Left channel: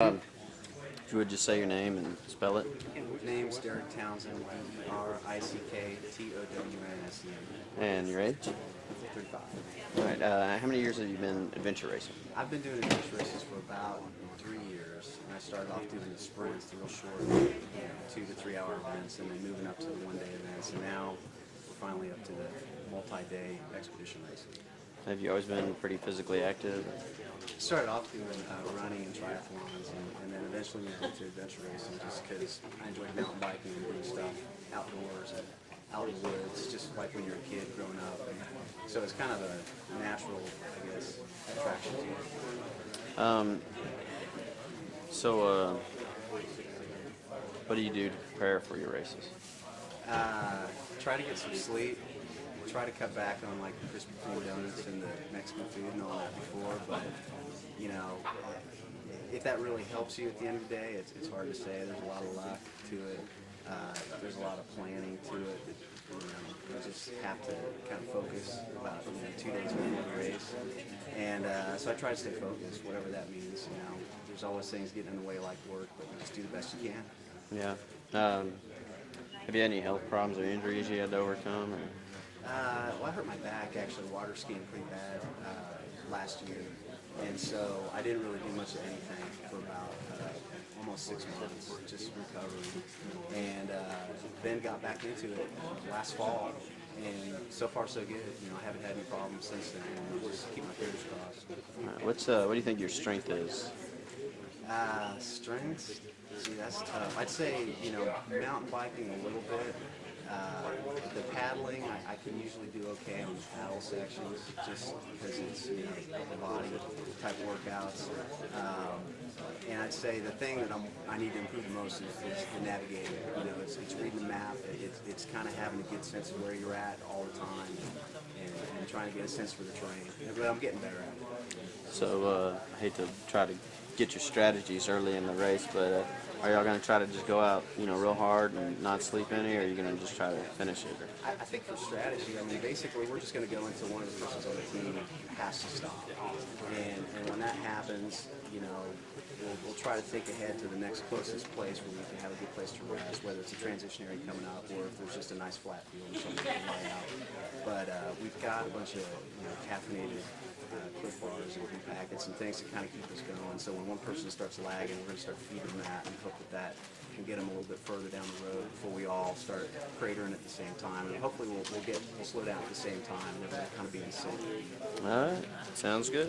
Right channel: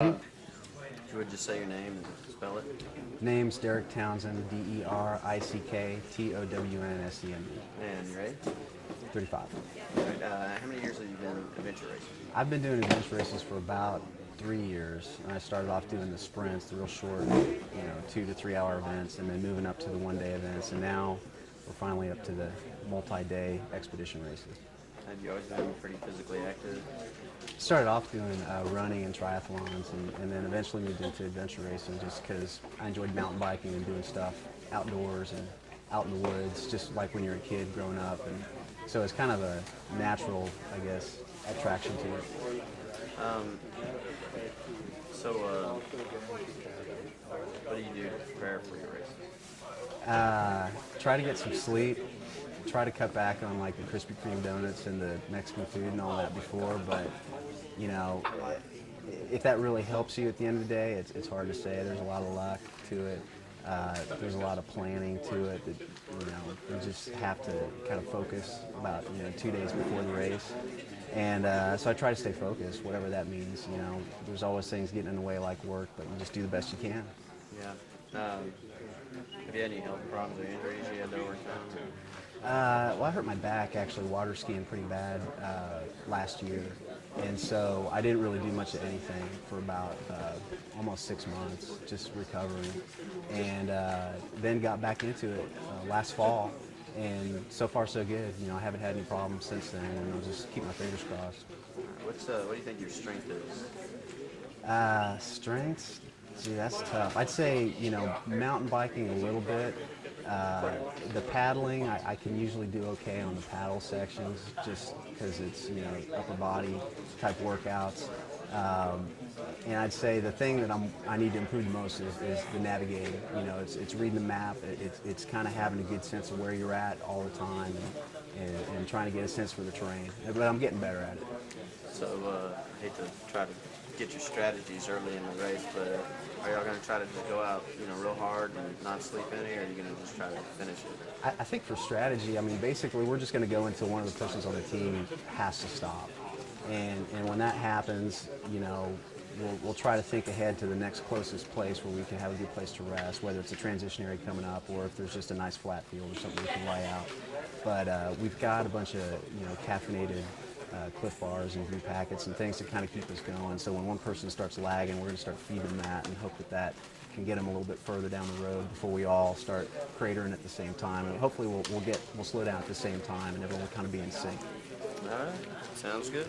If you would just say your name and spell it. Name's Derick Townsend, DerickTownsend. And your age? 35. How many years have you been adventure racing? I've been doing adventure races for about 3 years. I started off doing the sprints, the real short, 2 to 3 hour events, and then moving up to the one-day events. And now we're finally up to the multi-day expedition racing. Have you always been pretty physically active? Started off doing running and triathlons, and then eventually moved into adventure racing just because I enjoyed mountain biking and doing stuff outdoors and out in the woods, just like when you're a kid growing up. And so it's kind of a natural, I guess, attraction to it. What do you do to prepare for your races? Try to get some sleep. Try to cut back on like the Krispy Kreme donuts and the Mexican food and all that before, but if that really helps you at the end of the day, it's hard to say. There's a lot of luck to it. There's a lot of planning to it. That, you just have to kind of focus about 2 days before the race, and so I try to stay focused, whatever that means. There's always things getting in the way like work, but you just do the best you can. Yeah. Have you had any health problems or injuries you had to overcome? Well, I hurt my back actually water skiing pretty bad last year, and so I didn't really do much of anything for about almost 6 months, just recovering, and then got back into it last fall, and so far so good. I haven't had any problems since then, and I'll just keep my fingers crossed. What do you think your strength is? Strengths? See, that's tough. I'd say, mountain biking a little bit. The paddling, I can usually do okay on the paddle sections just because it's, upper body type workouts. And I'd say the thing that I need to improve the most is the navigating. It's reading the map. It's kind of having a good sense of where you're at all the time and trying to get a sense for the terrain. But I'm getting better at it. So, I hate to try to get your strategies early in the race, but are y'all going to try to just go out, real hard and not sleep any, or are you going to just try to finish it? I think for strategy, basically we're just going to go into one of the persons on the team has to stop. And when that happens, we'll try to think ahead to the next closest place where we can have a good place to rest, whether it's a transition area coming up or if there's just a nice flat field or something we can lay out. But we've got a bunch of caffeinated Cliff Bars and green packets and things to kind of keep us going. So when one person starts lagging, we're going to start feeding that and hope that can get them a little bit further down the road before we all start cratering at the same time. And hopefully we'll slow down at the same time and everyone kind of be in sync. All right, sounds good.